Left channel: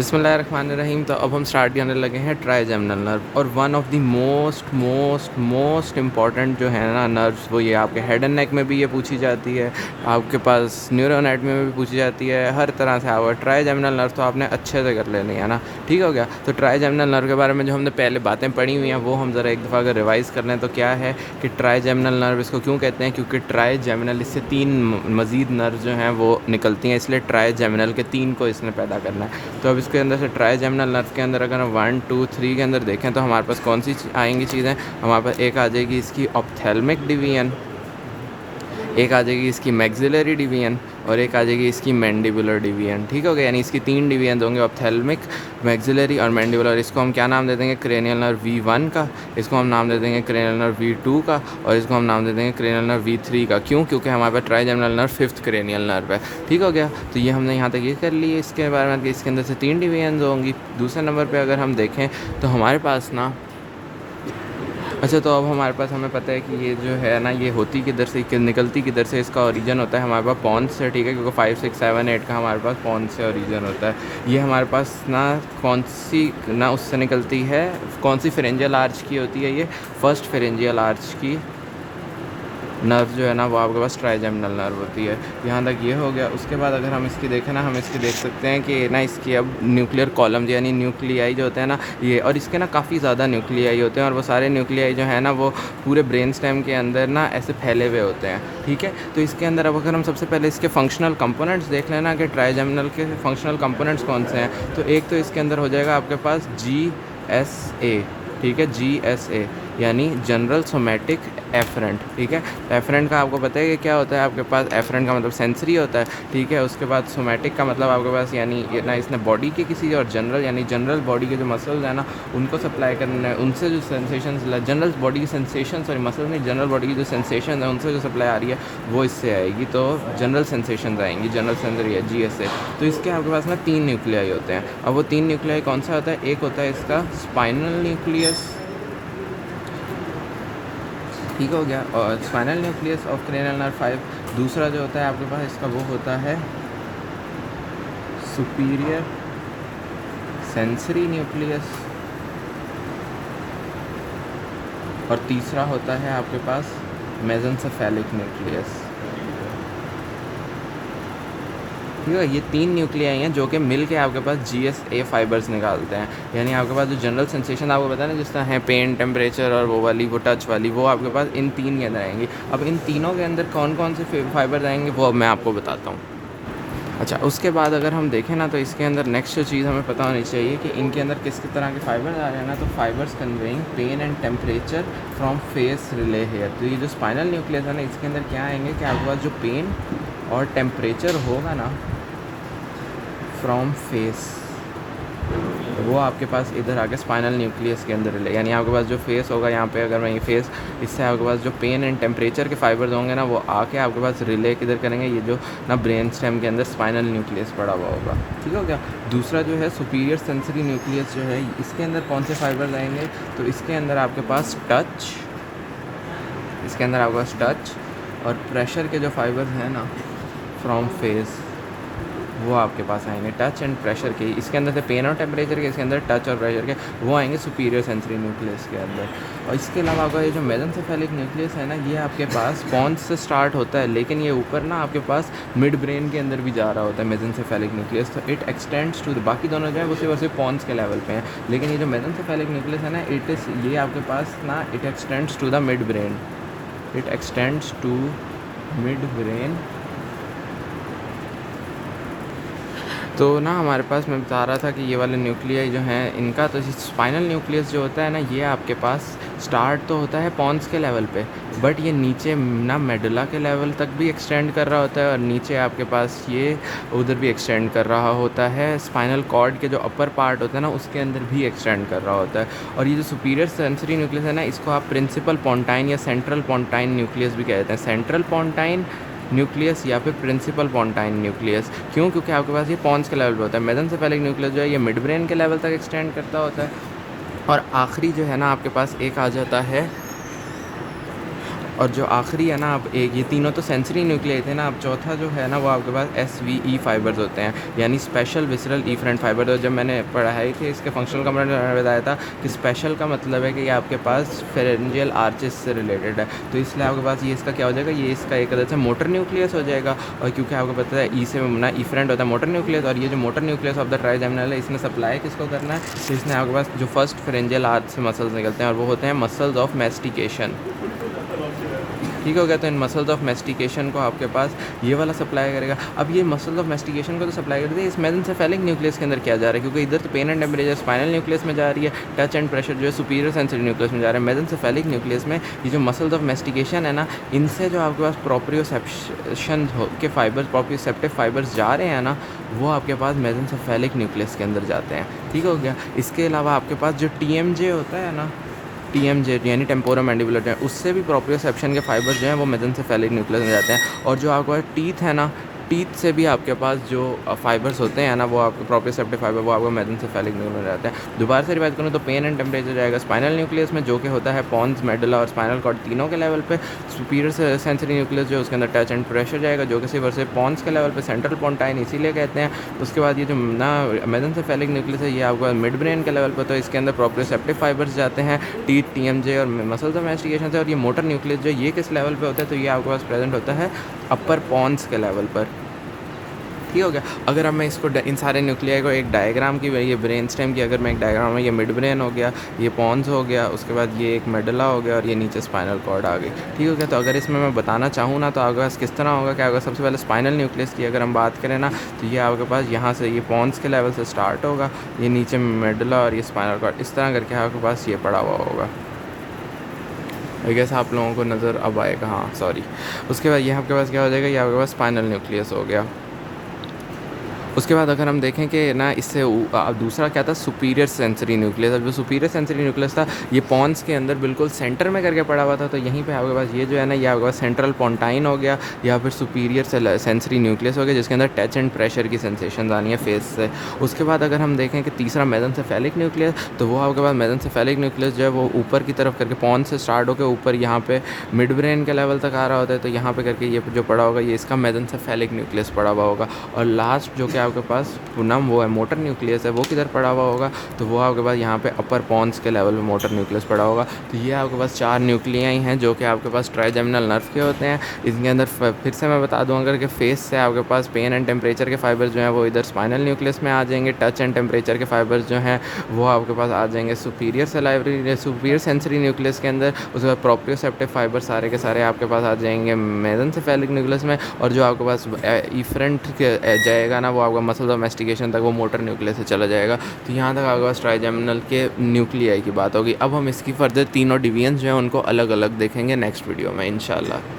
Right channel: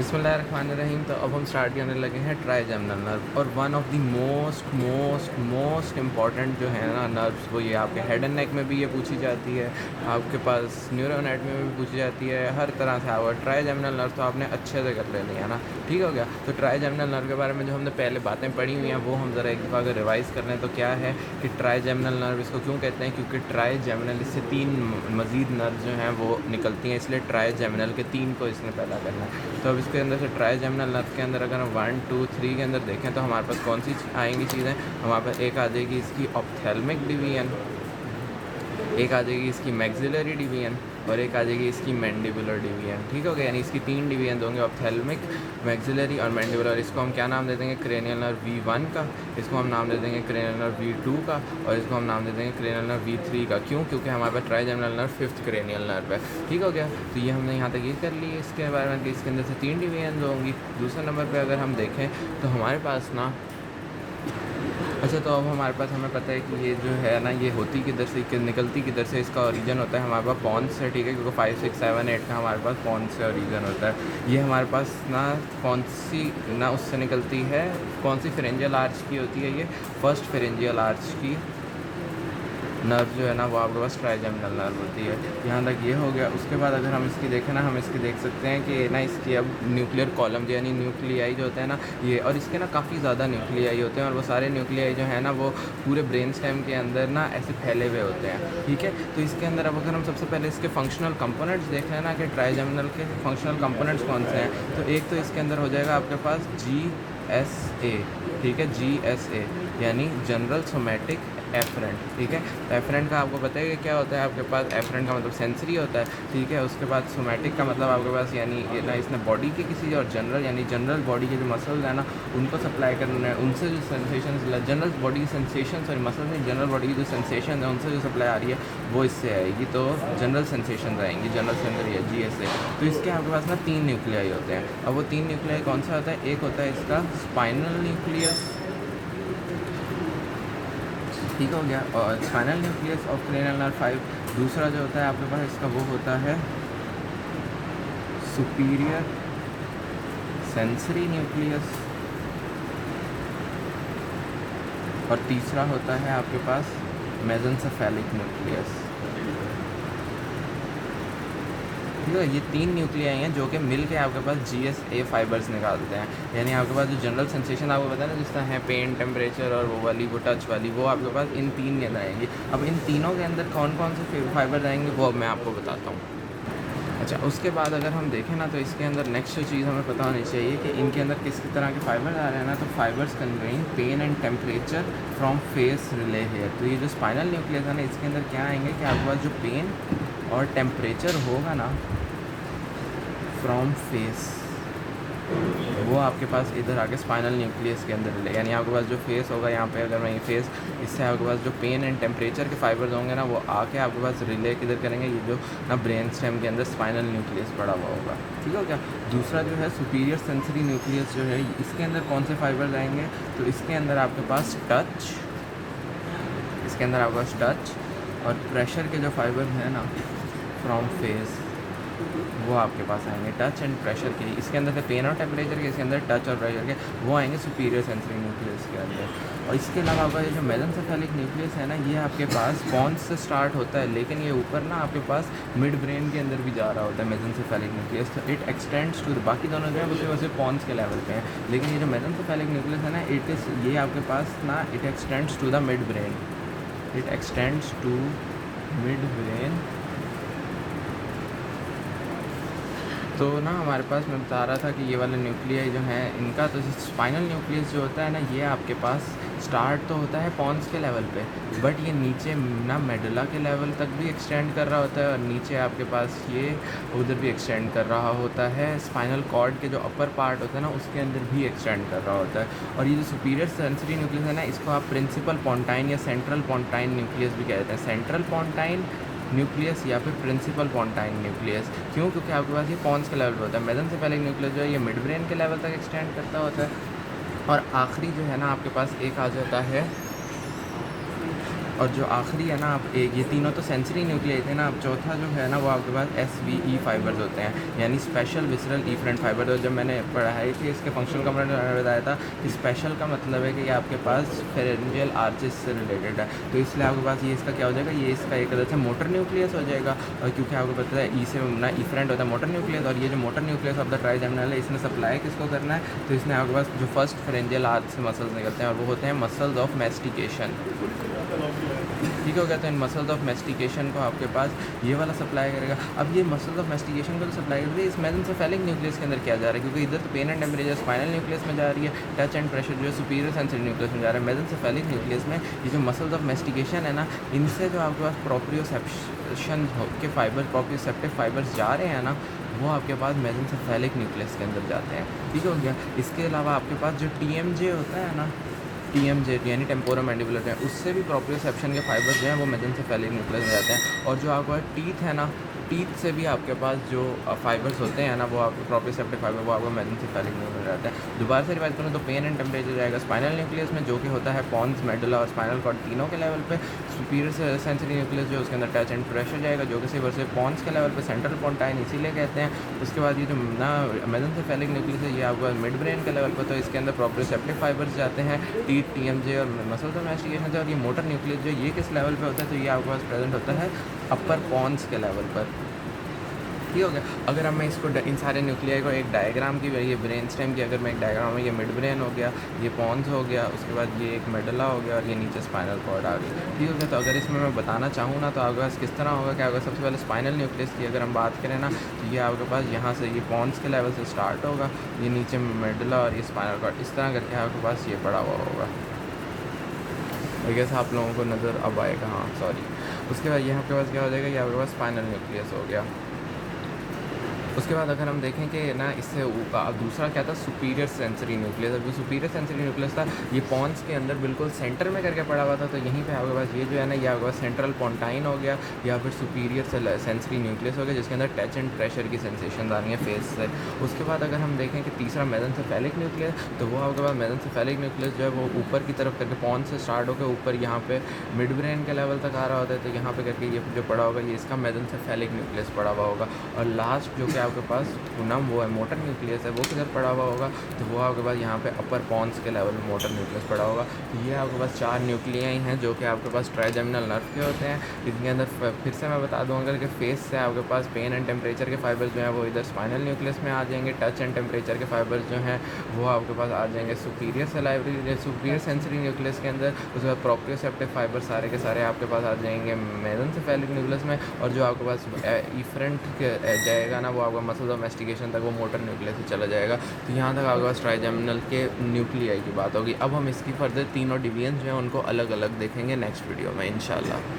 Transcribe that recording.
बिस्मिल्लाहिर्रहमानिर्रहीम। तो अब हम स्टार्ट करने लगे हैं ट्राइजेमिनल नर्व, और one of the most important जो है ना नर्व्स, वो ये आपके हेड एंड नेक में भी ये पूछी जाती है, आपके पास न्यूरो एनाटमी में भी पूछी जाती है, हर तरह से आवा ट्राइजेमिनल नर्व तो आपने अच्छे से कर लेनी है ना। ठीक हो गया। तो ट्राइजेमिनल नर्व के बारे में जो हमने पहले बातें पढ़ी हुई हैं वो हम ज़रा एक दफ़ा अगर रिवाइज़ कर लें तो क्या है कि ट्राइजेमिनल नर्व इसको क्यों कहते हैं, क्योंकि ट्राइजेमिनल इससे तीन मज़ीद नर्व जो हैं वो निकलती हैं, इसलिए ट्राइजेमिनल के तीन को इसने पैदा करना है। तो अब इसके अंदर से ट्राइजेमिनल नर्व के अंदर अगर हम 1 2 3 के अंदर देखें तो हमारे पास कौन सी आएंगी चीज़ें। हमारे पास एक आ जाएगी इसकी ऑप्थेल्मिक डिवीजन, एक आ जाएगी इसकी मैक्सिलरी डिवीजन, और एक आ जाएगी इसकी मैंडिबुलर डिवीजन। ठीक हो गया। यानी इसकी तीन डिवीजन होंगे, ऑप्थेल्मिक, मैक्सिलरी और मैंडिबुलर। इसको हम क्या नाम दे देंगे, क्रेनियल नर्व V1 का, इसको हम नाम दे देंगे क्रेनियल नर्व V2 का, और इसको हम नाम दे देंगे क्रेनियल नर्व V3 का। क्यों? क्योंकि हमारे पास trigeminal nerve 5th cranial nerve है। ठीक हो गया। तो ये हमने यहाँ तक ये कर लिए इसके बारे में कि इसके अंदर से तीन डिवीजन होंगी। दूसरे नंबर पर अगर हम देखें तो हमारे पास ना, अच्छा, तो अब हमारे पास हमें पता है कि ये जो है ना ये होती किधर से, कि निकलती किधर से, इसका ओरिजिन होता है हमारे पास पॉन्स से। ठीक है, क्योंकि 5 6 7 8 का हमारे पास पॉन्स से ओरिजिन होता है। ये हमारे पास ना कौन सी ना उससे निकलती है, कौन सी फेरेंजियल आर्च की होती है, ये फर्स्ट फेरेंजियल आर्च की नर्व जो है ना वो आपके पास ट्राइजेमिनल नर्व होती है। यहाँ तक ये हो गया। उसके बाद अगर हम इसकी देखें ना, हम इसकी देख सकते हैं कि ना इसकी अब न्यूक्लियर कॉलम यानी न्यूक्लियाई जो होते हैं ना ये, और इसके ना काफ़ी ज़्यादा न्यूक्लियाई होते हैं, और वो सारे न्यूक्लियाई जो है ना वो पूरे ब्रेन स्टेम के अंदर ना ऐसे फैले हुए होते हैं। ठीक है। तो इसके अंदर अब अगर हम सबसे पहले इसके फंक्शनल कंपोनेंट्स देख लेना कि ट्राइजेमिनल के फंक्शनल कंपोनेंट्स कौन से हैं, तो एक तो इसके अंदर हो जाएगा आपके पास GSA। ठीक है, GSA यानी जनरल सोमेटिक एफरेंट। ठीक है। एफरेंट का आपको पता है कि क्या होता है, आपके पास एफरेंट का मतलब सेंसरी होता है। ठीक है। उसके बाद सोमेटिक का मतलब आपके पास यानी ये ना इसने बॉडी के किसी, और जनरल यानी जनरल बॉडी के जो मसल्स हैं ना उनको सप्लाई करना है, उनसे जो सेंसेशंस, जनरल बॉडी की सेंसेशन, सॉरी मसल्स नहीं, जनरल बॉडी की जो सेंसेशन है उनसे जो सप्लाई आ रही है वो इससे आएगी। तो जनरल सेंसेशन आएंगी, जनरल सेंसरी है GSA। तो इसके आपके पास ना तीन न्यूक्लियाई होते हैं। अब वो तीन न्यूक्लियाई कौन सा होता है, एक होता है इसका स्पाइनल न्यूक्लियस। ठीक हो गया। और spinal nucleus of cranial nerve 5। दूसरा जो होता है आपके पास इसका वो होता है सुपीरियर सेंसरी न्यूक्लियस, और तीसरा होता है आपके पास मेसेंसेफेलिक न्यूक्लियस। ठीक है। ये तीन न्यूक्लियाई हैं जो कि मिल के आपके पास GSA फाइबर्स निकालते हैं। यानी आपके पास जो जनरल सेंसेशन आपको पता है ना, जिस तरह है पेन, टेम्परेचर और वो वाली, वो टच वाली, वो आपके पास इन तीन के अंदर आएंगी। अब इन तीनों के अंदर कौन कौन से फाइबर्स आएंगे वो अब मैं आपको बताता हूँ। अच्छा, उसके बाद अगर हम देखें ना तो इसके अंदर नेक्स्ट जो चीज़ हमें पता होनी चाहिए कि इनके अंदर किस तरह के फाइबर आ रहे हैं ना, तो fibres conveying pain and temperature from face relay here. तो ये जो स्पाइनल न्यूक्लियस है ना इसके अंदर क्या आएंगे कि आपके पास जो पेन और टेम्परेचर होगा ना फ्रॉम फेस, वो आपके पास इधर आके स्पाइनल न्यूक्लियस के अंदर रिले, यानी आपके पास जो फेस होगा यहाँ पे, अगर मैं ये फेस, इससे आपके पास जो पेन एंड टेम्परेचर के फाइबर्स होंगे ना वो आके आपके पास रिले किधर करेंगे, ये जो ना ब्रेन स्टेम के अंदर स्पाइनल न्यूक्लियस पड़ा हुआ होगा। ठीक हो गया। दूसरा जो है सुपीरियर सेंसरी न्यूक्लियस जो है, इसके अंदर कौन से फाइबर्स आएंगे, तो इसके अंदर आपके पास टच, इसके अंदर आपके पास टच और प्रेशर के जो फाइबर्स हैं ना फ्रॉम फेस, वो आपके पास आएंगे। टच एंड प्रेशर के, इसके अंदर से पेन और टेम्परेचर के, इसके अंदर टच और प्रेशर के, वो आएंगे सुपीरियर सेंसरी न्यूक्लियस के अंदर। और इसके अलावा आपका ये जो मेसेंसेफेलिक न्यूक्लियस है ना, ये आपके पास पॉन्स से स्टार्ट होता है, लेकिन ये ऊपर ना आपके पास मिड ब्रेन के अंदर भी जा रहा होता है मेसेंसेफेलिक न्यूक्लियस। तो इट एक्सटेंड्स टू, बाकी दोनों जो है वो सिर्फ पॉन्स के लेवल पे हैं, लेकिन ये जो मेसेंसेफेलिक न्यूक्लियस है ना ये आपके पास ना it extends to the mid brain, it extends to mid brain. तो ना हमारे पास मैं बता रहा था कि ये वाले न्यूक्लियाई जो हैं इनका, तो स्पाइनल न्यूक्लियस जो होता है ना ये आपके पास स्टार्ट तो होता है पॉन्स के लेवल पे, बट ये नीचे ना मेडुला के लेवल तक भी एक्सटेंड कर रहा होता है, और नीचे आपके पास ये उधर भी एक्सटेंड कर रहा होता है। स्पाइनल कॉर्ड के जो अपर पार्ट होता है ना उसके अंदर भी एक्सटेंड कर रहा होता है। और ये जो सुपीरियर सेंसरी न्यूक्लियस है ना, इसको आप प्रिंसिपल पोंटाइन या सेंट्रल पोंटाइन न्यूक्लियस भी कहते हैं। सेंट्रल पोंटाइन न्यूक्लियस या फिर प्रिंसिपल पोंटाइन न्यूक्लियस। क्यों? क्योंकि आपके पास ये पॉन्स के लेवल पे होता है। मेसेंसेफेलिक न्यूक्लियस जो है ये मिड ब्रेन के लेवल तक एक्सटेंड करता होता है। और आखिरी जो है ना आपके पास एक आ जाता है और जो आखिरी है ना, आप एक ये तीनों तो सेंसरी न्यूक्लियाई थे ना, अब चौथा जो है ना वो आपके पास SVE फाइबर्स होते हैं, यानी स्पेशल विसरल इफरेंट फाइबर। तो जब मैंने पढ़ाई थी इसके फंक्शनल कंपोनेंट में बताया था कि स्पेशल का मतलब है कि ये आपके पास फेरेंजियल आर्चेस से रिलेटेड है, तो इसलिए आपके पास ये इसका क्या हो जाएगा, ये इसका एक तरह से मोटर न्यूक्लियस हो जाएगा। और क्योंकि आपको पता है ई से ना इफरेंट होता है मोटर न्यूक्लियस, और ये जो motor nucleus of the trigeminal है इसने सप्लाई किसको करना है, तो इसने आपके पास जो फर्स्ट फेरेंजियल आर्च से मसल्स निकलते हैं और वो होते हैं मसल्स ऑफ मेस्टिकेशन। ठीक हो गया। तो इन मसल्स ऑफ मेस्टिकेशन को आपके पास ये वाला सप्लाई करेगा। अब ये मसल्स ऑफ मेस्टिकेशन को तो सप्लाई करते हैं इस मेसेंसेफेलिक न्यूक्लियस के अंदर क्या जा रहा है, क्योंकि इधर तो pain and temperature spinal nucleus में जा रही है, टच एंड प्रेशर जो है सुपीरियर सेंसरी न्यूक्लियस में जा रहा है। मेसेंसेफेलिक न्यूक्लियस में ये जो मसल्स ऑफ मेस्टिकेशन है ना, इनसे जो आपके पास प्रोप्रियोसेप्शन के फाइबर्स, प्रोप्रियोसेप्टिव फाइबर्स जा रहे हैं ना, वो आपके पास मेसेंसेफेलिक न्यूक्लियस के अंदर जाते हैं। ठीक हो गया। इसके अलावा आपके पास जो TMJ होता है ना, TMJ यानी टेम्पोरोमैंडिबुलर जो है, उससे भी प्रोप्रियोसेप्शन के फाइबर्स जो हैं वो मेसेंसेफेलिक न्यूक्लियस में जाते हैं। और जो आपके पास टीथ है ना, टीथ से भी आपके पास जो फाइबर्स होते हैं ना, वो आपके प्रोप्रियोसेप्टिव फाइबर वो आपको मेसेंसेफेलिक न्यूक्लियस में जाते हैं। दोबारा से रिवाइज करूँ तो पेन एंड टेम्परेचर जाएगा स्पाइनल न्यूक्लियस में, जो कि होता है पॉन्स, मेडुला और स्पाइनल कॉर्ड तीनों के लेवल पे। सुपीरियर सेंसरी न्यूक्लियस जो उसके अंदर टच एंड प्रेशर जाएगा, जो कि सिर्फ से पॉन्स के लेवल पे, सेंट्रल पोंटाइन इसीलिए कहते हैं। उसके बाद ये जो ना मेसेंसेफेलिक न्यूक्लियस है, ये आपको मिड ब्रेन के लेवल पर, तो इसके अंदर प्रोप्रियोसेप्टिव फाइबर्स जाते हैं, टीथ, TMJ और मसल्स ऑफ मेस्टिकेशन से। और ये मोटर न्यूक्लियस जो ये किस लेवल पे होता है, तो ये आपके पास प्रेजेंट होता है अपर पॉन्स के लेवल पर। ठीक हो गया। अगर अब मैं इसको इन सारे न्यूक्लियाई को एक डायग्राम की, ये ब्रेन स्टेम की अगर मैं एक डायग्राम में, ये मिड ब्रेन हो गया, ये पॉन्स हो गया, उसके बाद ये एक मेडुला हो गया और ये नीचे स्पाइनल कॉर्ड आ गई। ठीक हो गया। तो अगर इसमें मैं बताना चाहूँ ना, तो आपके पास किस तरह होगा, क्या होगा, सबसे पहले स्पाइनल न्यूक्लियस की अगर हम बात करें ना, तो ये आपके पास यहाँ से ये पॉन्स के लेवल से स्टार्ट होगा, ये नीचे मेडुला और ये स्पाइनल कॉर्ड, इस तरह करके आपके पास ये पड़ा हुआ होगा। आई गेस आप लोगों को नज़र अब आएगा, हाँ सॉरी। उसके बाद ये आपके पास क्या हो जाएगा, ये आपके पास स्पाइनल न्यूक्लियस हो गया। उसके बाद अगर हम देखें कि ना इससे दूसरा क्या था, सुपीरियर सेंसरी न्यूक्लियस। अब जो सुपीरियर सेंसरी न्यूक्लियस था, ये पॉन्स के अंदर बिल्कुल सेंटर में करके पड़ा हुआ था, तो यहीं पे आपके पास ये जो है ना, ये आपके पास सेंट्रल पोंटाइन हो गया या फिर सुपीरियर सेंसरी न्यूक्लियस हो गया, जिसके अंदर टच एंड प्रेशर की सेंसेशन आनी है फेस से। उसके बाद अगर हम देखें कि तीसरा मेसेंसेफेलिक न्यूक्लियस, तो वो आपके पास मेसेंसेफेलिक न्यूक्लियस जो है वो ऊपर की तरफ करके पॉन्स से स्टार्ट होकर ऊपर यहाँ पे मिड ब्रेन के लेवल तक आ रहा होता है, तो यहाँ पे करके ये जो पड़ा होगा, ये इसका मेसेंसेफेलिक न्यूक्लियस पड़ा हुआ होगा। और लास्ट जो कि आपके पास पुनम वो है मोटर न्यूक्लियस है, वो किधर पड़ा हुआ होगा, तो वो आपके पास यहाँ पे अपर पॉन्स के लेवल में मोटर न्यूक्लियस पड़ा होगा। तो ये आपके पास 4 न्यूक्लियाई हैं जो कि आपके पास ट्राइजेमिनल नर्व के होते हैं। इसके अंदर फिर से मैं बता दूँ अगर कि फेस से आपके पास पेन एंड टेम्परेचर के फाइबर्स जो हैं वो इधर स्पाइनल न्यूक्लियस में आ जाएंगे। टच एंड टेम्परेचर के फाइबर्स जो हैं वो आपके पास आ जाएंगे सुपीरियर सेंसरी न्यूक्लियस के अंदर। उसके बाद प्रोप्रियोसेप्टिव फाइबर सारे के सारे आपके पास आ जाएंगे मेसेंसेफेलिक न्यूक्लियस में। और जो आपके पास इफरेंट जाएगा ना, वो आपका मसल्स ऑफ मेस्टिकेशन तक वो मोटर न्यूक्लियस से चला जाएगा। तो यहाँ तक आपके पास ट्राइजेमिनल के न्यूक्लियाई की बात होगी। अब हम इसकी फर्दर तीनों डिवीजन्स जो हैं उनको अलग अलग देखेंगे नेक्स्ट वीडियो में इंशाल्लाह।